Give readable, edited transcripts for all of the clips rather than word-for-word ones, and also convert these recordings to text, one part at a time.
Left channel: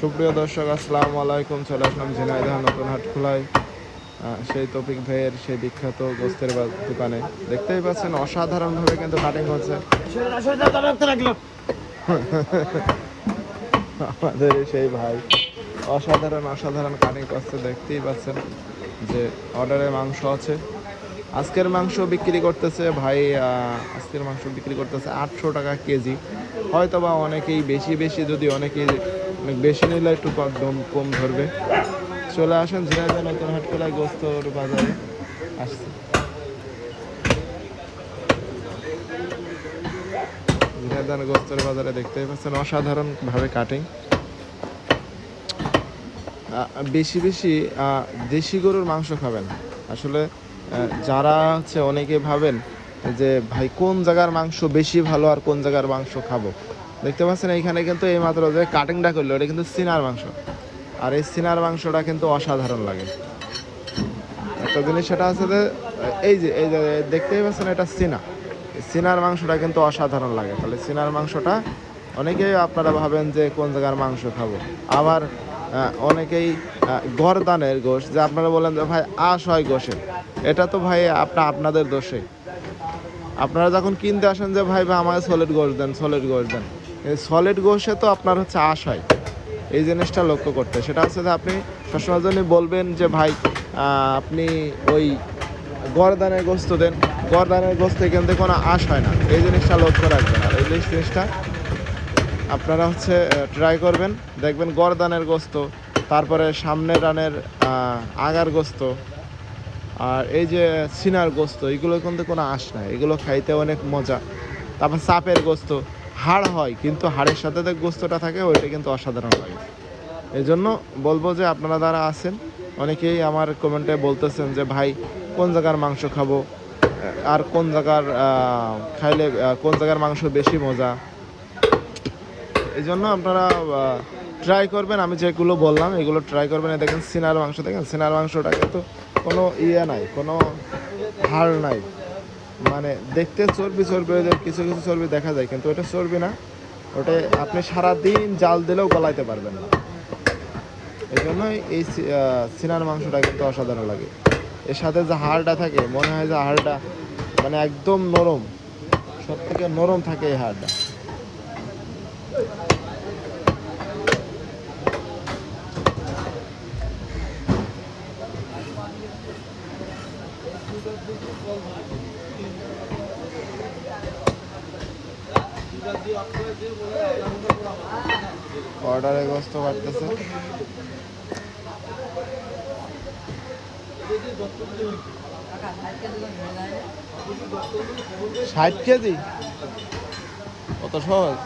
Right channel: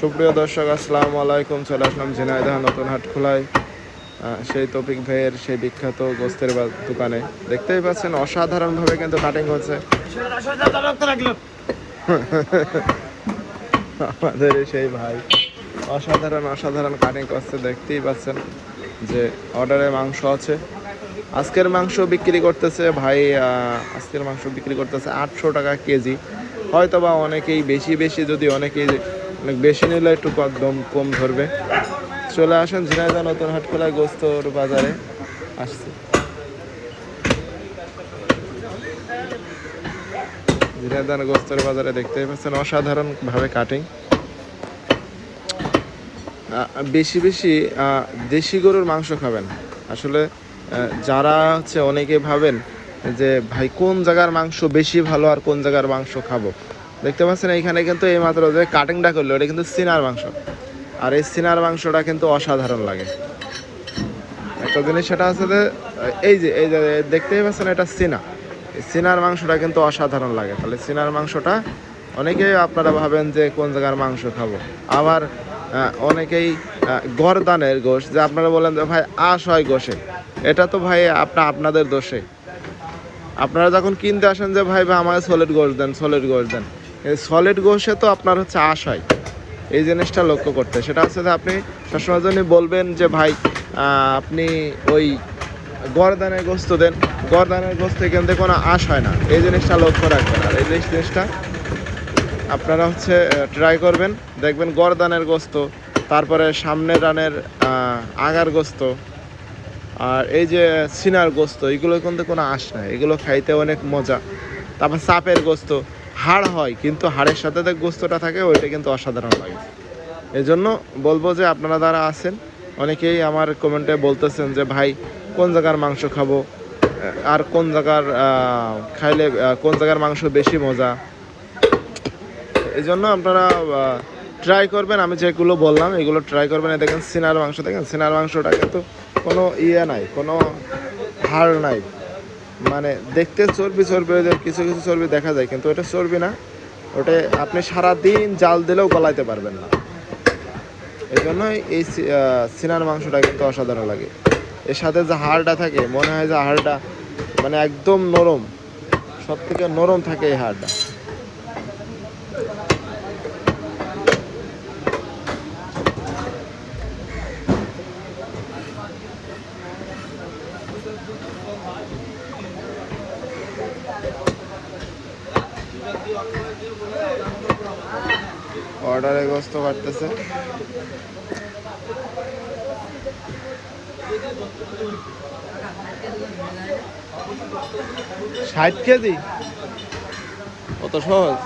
সুপ্রিয় দর্শক, আসসালামু আলাইকুম। চলে আসলাম ঝিনাইদহ নতুন হাট খোলায় সেই তৌফিক ভাইয়ের সেই বিখ্যাত গোস্তের দোকানে। দেখতেই পাচ্ছেন অসাধারণভাবে কিন্তু কাটিং হচ্ছে আমাদের সেই ভাই। অসাধারণ কাটিং করছে, দেখতেই পাচ্ছেন যে অর্ডারে মাংস আছে। আজকের মাংস বিক্রি করতেছে ভাই, আজকের মাংস বিক্রি করতেছে 800 টাকা কেজি। হয়তো বা অনেকেই বেশি যদি অনেকেই অনেক বেশি নিলে একটু দাম কম ধরবে। চলে আসেন ঝিনাইদহ নতুন হাটখোলা গোস্তর বাজারে আসছে। ঝিনাইদহ গোস্তর বাজারে দেখতেই পাচ্ছেন অসাধারণভাবে কাটিং। বেশি দেশি গরুর মাংস খাবেন। আসলে যারা হচ্ছে অনেকে ভাবেন যে ভাই কোন জায়গার মাংস বেশি ভালো আর কোন জায়গার মাংস খাবো। দেখতে পাচ্ছেন এইখানে কিন্তু এই মাত্র যে কাটিংটা করলো এটা কিন্তু সিনার মাংস, আর এই সিনার মাংসটা কিন্তু অসাধারণ লাগে। একটা জিনিস সেটা আছে যে এই যে দেখতেই পাচ্ছেন এটা সিনার মাংসটা কিন্তু অসাধারণ লাগে। তাহলে সিনার মাংসটা অনেকেই আপনারা ভাবেন যে কোন জায়গার মাংস খাবো। আবার অনেকেই গরদানের গোশ, যে আপনারা বলেন যে ভাই আশ হয় গোশে, এটা তো ভাই আপনাদের দোষে। আপনারা যখন কিনতে আসেন যে ভাই আমাকে সলিড গোশ দেন, সলিড গোশে তো আপনার হচ্ছে আশ হয়। এই জিনিসটা লক্ষ্য করতে, সেটা হচ্ছে যে আপনি সবসময় জন্য বলবেন যে ভাই আপনি ওই গরদানের গোস্ত দেন, গরদানের গোস্ত এখান থেকে কোনো আশ হয় না। এই জিনিসটা লক্ষ্য রাখবেন। আর এই জিনিসটা আপনারা হচ্ছে ট্রাই করবেন, দেখবেন গরদানের গোস্ত, তারপরে সামনের রানের আগার গোস্ত, আর এই যে সিনার গোস্ত, এগুলো কিন্তু কোনো আঁশ নাই, এগুলো খাইতে অনেক মজা। তারপর চাপের গোস্ত হাড় হয়, কিন্তু হাড়ের সাথে যে গোস্তটা থাকে ওইটা কিন্তু অসাধারণ লাগে। এই জন্য বলবো যে আপনারা যারা আছেন, অনেকেই আমার কমেন্টে বলতেছেন যে ভাই কোন জায়গার মাংস খাবো, আর কোন জায়গার খাইলে কোন জায়গার মাংস বেশি মজা। এই জন্য আপনারা ট্রাই করবেন, আমি যেগুলো বললাম এগুলো ট্রাই করবেন। দেখেন সিনার মাংস, দেখেন সিনার মাংসটা কিন্তু কোনো নাই, কোনো হাড় নাই, মানে দেখতে চর্বি কিছু চর্বি দেখা যায়, কিন্তু ওটা চর্বি না, ওটা আপনি সারাদিন জাল দিলেও গলাইতে পারবেন না। এই জন্যই এই সিনার মাংসটা কিন্তু অসাধারণ লাগে। এর সাথে যে হাড়টা থাকে, মনে হয় যে হাড়টা মানে একদম নরম, সব থেকে নরম থাকে এই হাড়টা। অর্ডারে গোস্ত কাটতেছে। 60 কেজি কত সহজ।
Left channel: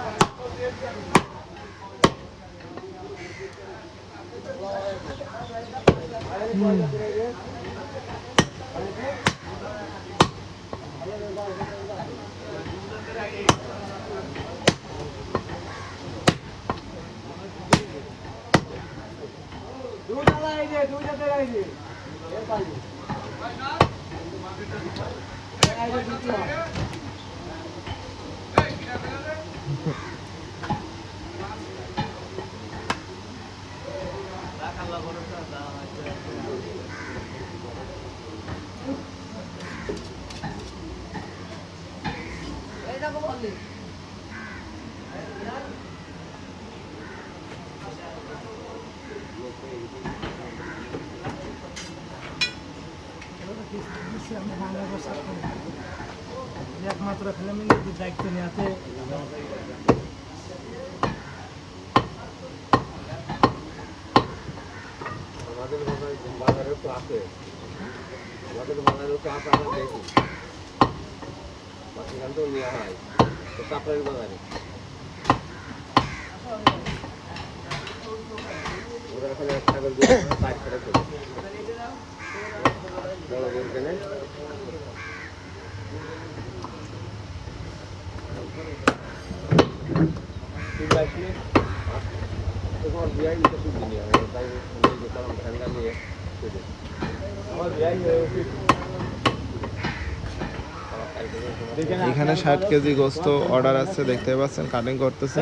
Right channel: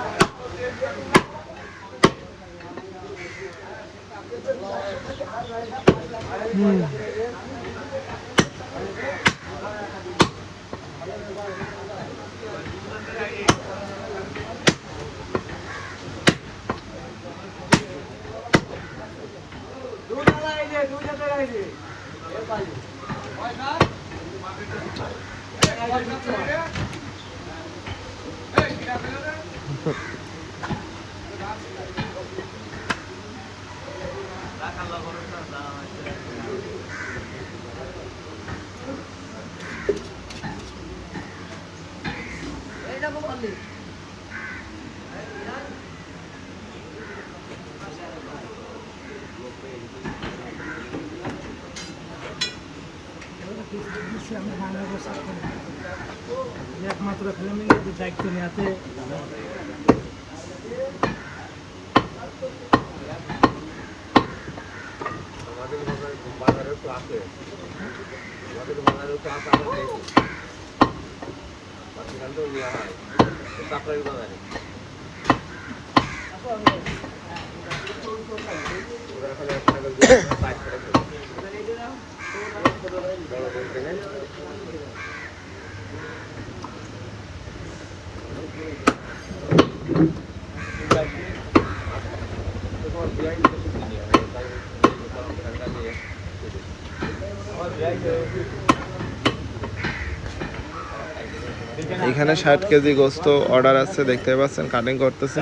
একমাত্র খেলে দায়িত্ব নেওয়াতে এখানে 60 কেজি গোস্ত অর্ডার আছে, দেখতে পাচ্ছেন কাটিং করতেছে।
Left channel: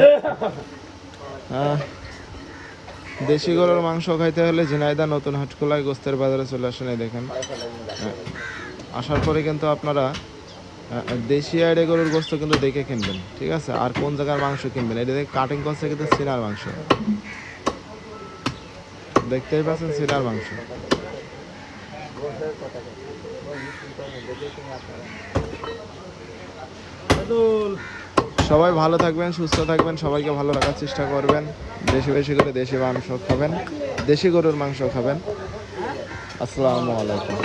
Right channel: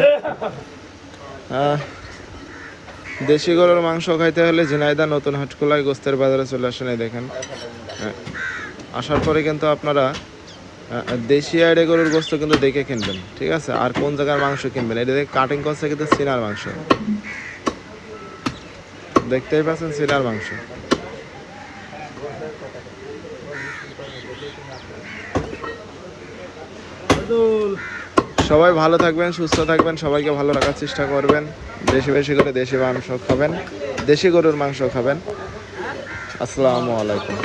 দেশি গরুর মাংস খাইতে হলে ঝিনাইদহ নতুন হাটখোলায় গোস্তের বাজারে চলে আসেন। এই দেখেন আসার পরে কিন্তু আপনারা দেশি আইডে গরুর গোস্ত কিন্তু দেখে কিনবেন, ঠিক আছে? আর কোন জায়গার মাংস কিনবেন এটা দেখে কাটিং করছে কিন্তু সিনার মাংস, দেখতেই পাচ্ছেন সিনার মাংস। সবাই ভালো থাকবেন, সুস্থ থাকবেন, সবাইকে ভালো রাখার চেষ্টা করবেন। বেশি বেশি করে দেশি মাংস খাবেন, দেশি গরুর মাংস খাবেন। আসসালামু আলাইকুম।